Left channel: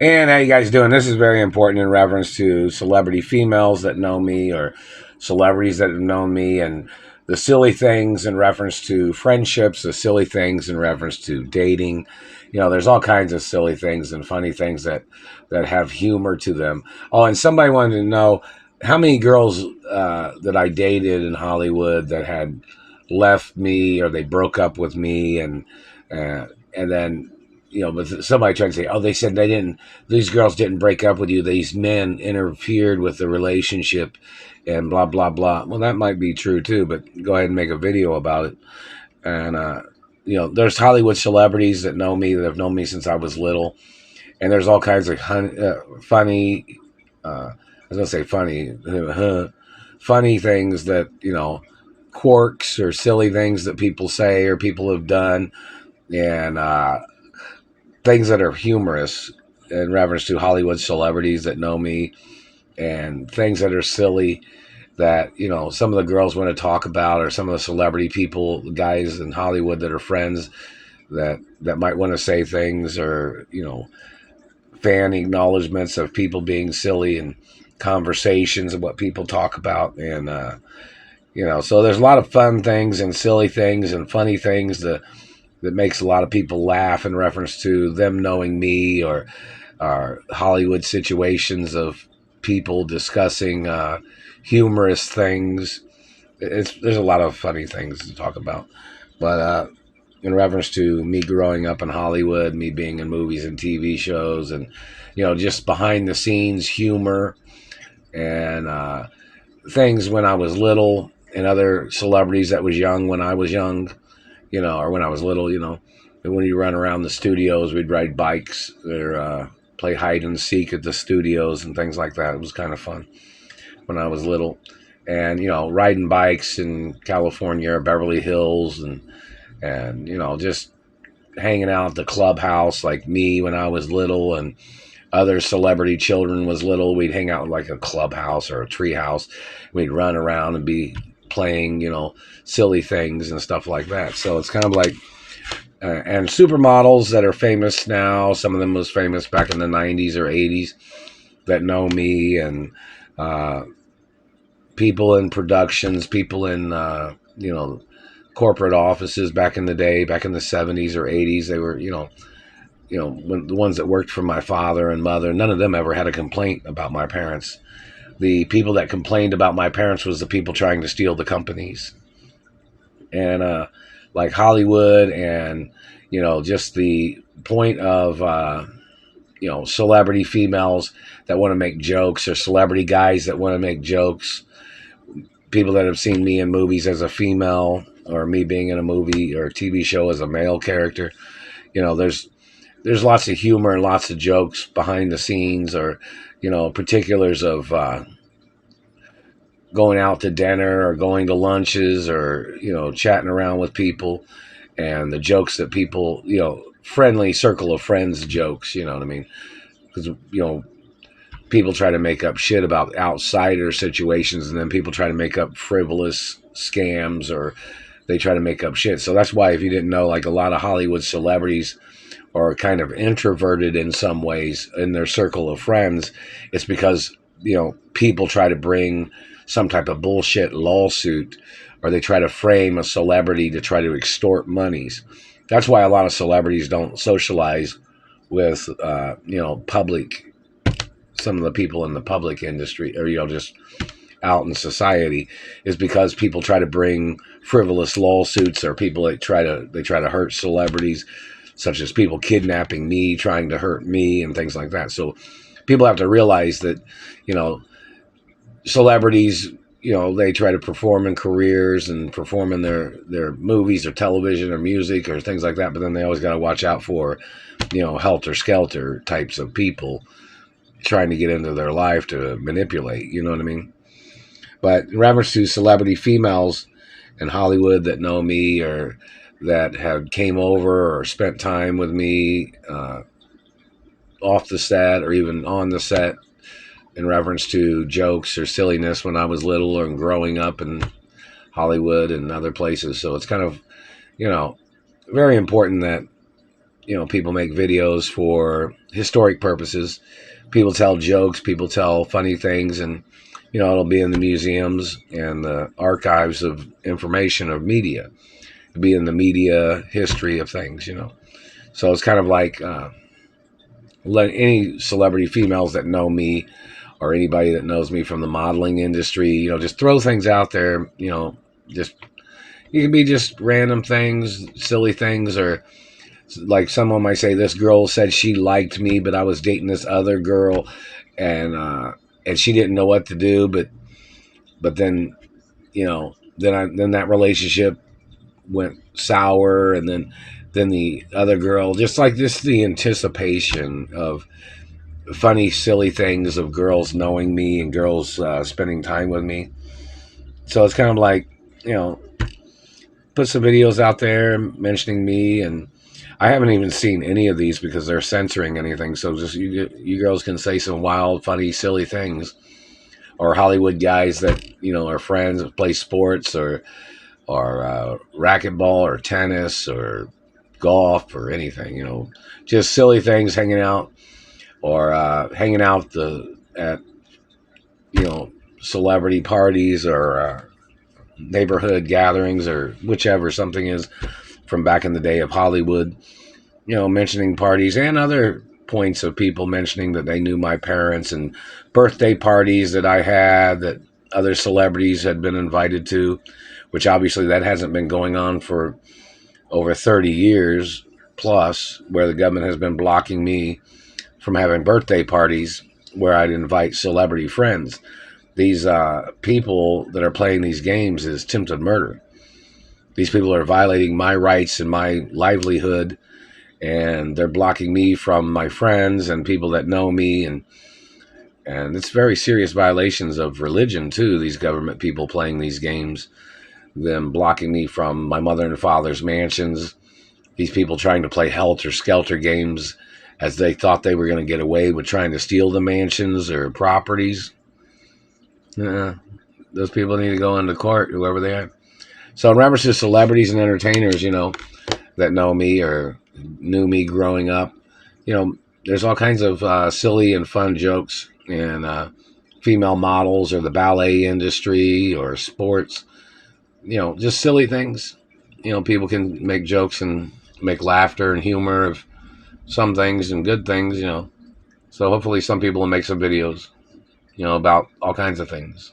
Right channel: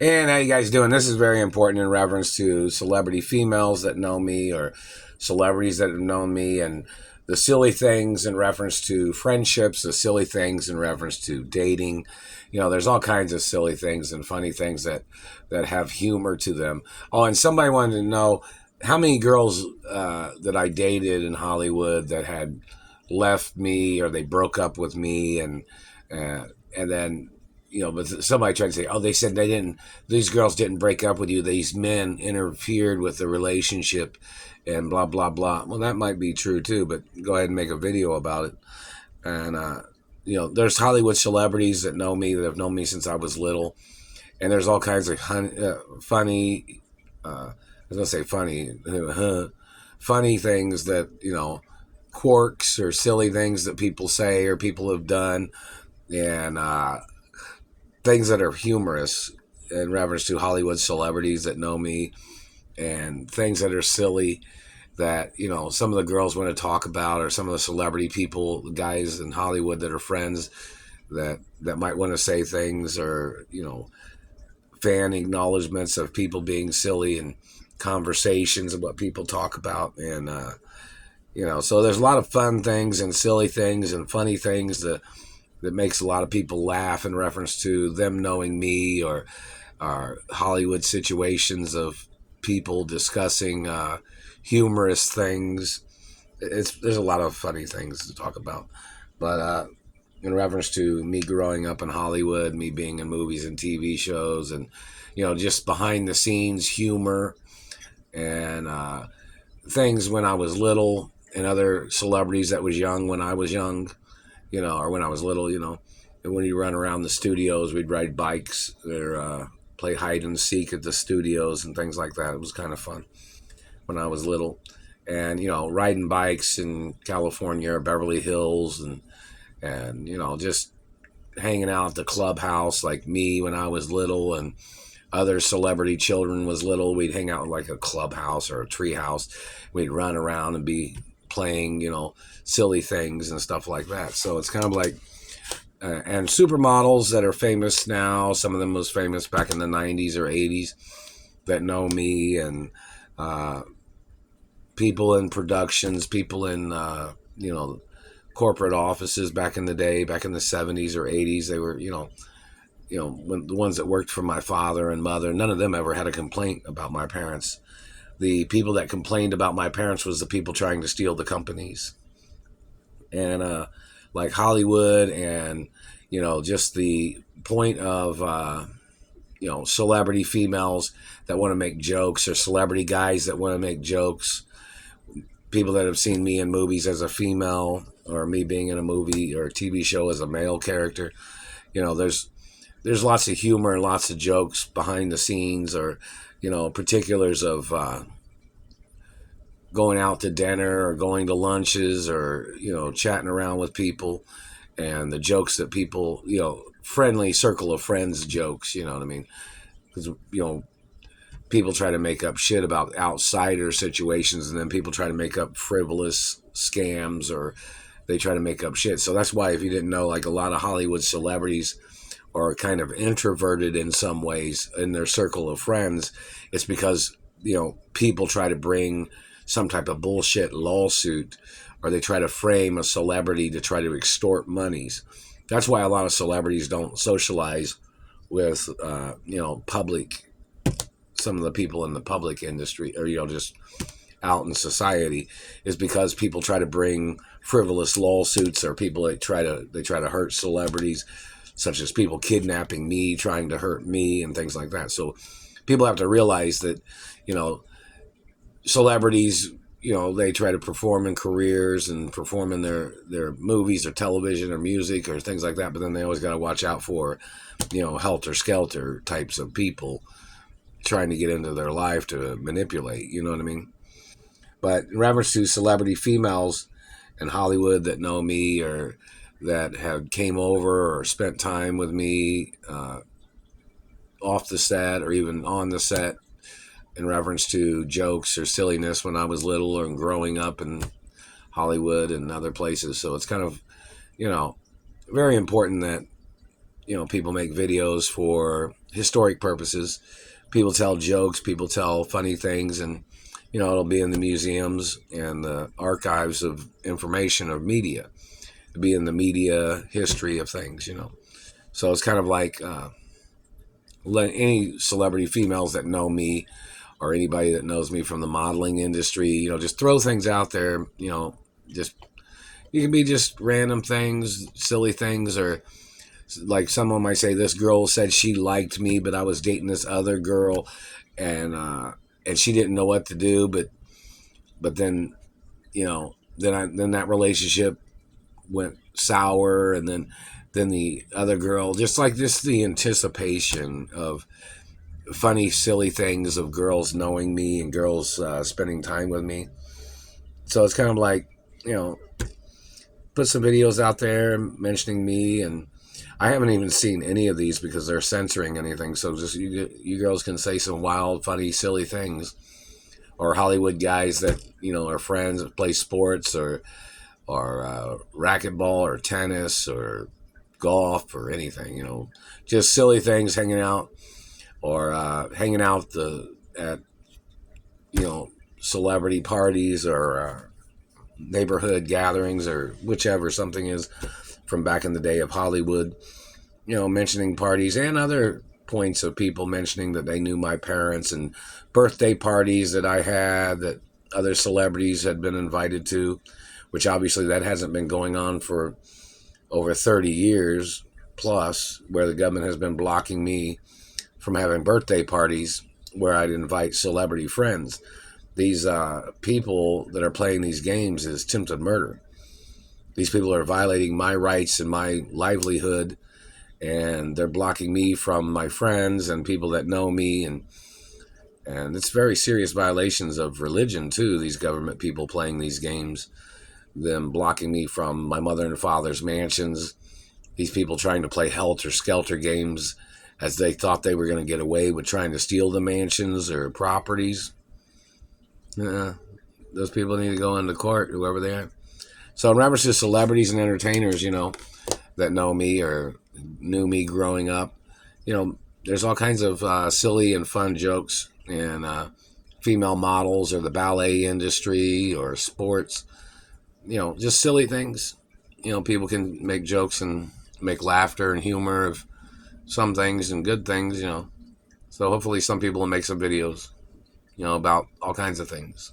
And how you guys doing? This is very important in reference to celebrity females that know me or celebrities that have known me, and the silly things in reference to friendships, the silly things in reference to dating. You know, there's all kinds of silly things and funny things that have humor to them. Oh, and somebody wanted to know how many girls that I dated in Hollywood that had left me or they broke up with me, and then but somebody tried to say, oh, they said they didn't, these girls didn't break up with you, these men interfered with the relationship and blah blah blah. Well, that might be true too, but go ahead and make a video about it. And there's Hollywood celebrities that know me, that have known me since I was little, and there's all kinds of funny I was gonna say funny funny things that quirks or silly things that people say or people have done, and things that are humorous in reference to Hollywood celebrities that know me, and things that are silly that some of the girls want to talk about, or some of the celebrity people, guys in Hollywood that are friends that might want to say things, or fan acknowledgments of people being silly and conversations of what people talk about. And so there's a lot of fun things and silly things and funny things that makes a lot of people laugh in reference to them knowing me, or Hollywood situations of people discussing humorous things. There's a lot of funny things to talk about, but in reference to me growing up in Hollywood, me being in movies and TV shows, and just behind the scenes humor and things when I was little, and other celebrities that was young when I was young, or when I was little, and when you run around the studios, we'd ride bikes or play hide and seek at the studios and things like that. It was kind of fun when I was little. And, riding bikes in California or Beverly Hills, and just hanging out at the clubhouse, like me when I was little, and other celebrity children was little. We'd hang out in like a clubhouse or a tree house. We'd run around and be playing, silly things and stuff like that. So it's kind of like, and supermodels that are famous now, some of them was famous back in the 90s or 80s that know me, and people in productions, people in, corporate offices back in the day, back in the 70s or 80s. They were, when the ones that worked for my father and mother, none of them ever had a complaint about my parents. The people that complained about my parents was the people trying to steal the companies. And like Hollywood, and just the point of celebrity females that want to make jokes, or celebrity guys that want to make jokes, people that have seen me in movies as a female, or me being in a movie or a TV show as a male character. There's lots of humor and lots of jokes behind the scenes, or particulars of going out to dinner or going to lunches, or chatting around with people, and the jokes that people, friendly circle of friends jokes, you know what I mean? Because people try to make up shit about outsider situations, and then people try to make up frivolous scams, or they try to make up shit. So that's why, if you didn't know, like, a lot of Hollywood celebrities are kind of introverted in some ways in their circle of friends. It's because people try to bring some type of bullshit lawsuit, or they try to frame a celebrity to try to extort monies. That's why a lot of celebrities don't socialize with public, some of the people in the public industry, or just out in society, is because people try to bring frivolous lawsuits, or people that try to hurt celebrities, such as people kidnapping me, trying to hurt me, and things like that. So people have to realize that celebrities, they try to perform in careers and perform in their movies or television or music or things like that, but then they always got to watch out for helter-skelter types of people trying to get into their life to manipulate, you know what I mean? But in reference to celebrity females in Hollywood that know me, or that have came over or spent time with me off the set or even on the set, in reference to jokes or silliness when I was little, or growing up in Hollywood and other places. So it's kind of, very important that, people make videos for historic purposes. People tell jokes, people tell funny things, and it'll be in the museums and the archives of information of media. It'll be in the media history of things. So it's kind of like let any celebrity females that know me or anybody that knows me from the modeling industry, just throw things out there. Just you can be just random things, silly things, or like someone might say, this girl said she liked me, but I was dating this other girl, and she didn't know what to do, but then then that relationship went sour, and then the other girl, just like this, the anticipation of funny, silly things of girls knowing me and girls spending time with me. So it's kind of like, put some videos out there mentioning me, and I haven't even seen any of these because they're censoring anything. So just you girls can say some wild, funny, silly things, or Hollywood guys that are friends that play sports or racquetball or tennis or golf or anything. Just silly things, hanging out or hanging out at celebrity parties or neighborhood gatherings or whichever something is from back in the day of Hollywood. Mentioning parties and other points of people mentioning that they knew my parents, and birthday parties that I had that other celebrities had been invited to, which obviously that hasn't been going on for over 30 years plus, where the government has been blocking me from having birthday parties where I'd invite celebrity friends. These people that are playing these games is attempted murder. These people are violating my rights and my livelihood, and they're blocking me from my friends and people that know me, and it's very serious violations of religion too. These government people playing these games, them blocking me from my mother and father's mansions. These people trying to play helter skelter games as they thought they were going to get away with trying to steal the mansions or properties. Those people need to go into court, whoever they are. So in reference to celebrities and entertainers, that know me or knew me growing up, there's all kinds of silly and fun jokes, and female models or the ballet industry or sports, just silly things. People can make jokes and make laughter and humor of some things and good things. So hopefully some people will make some videos, about all kinds of things.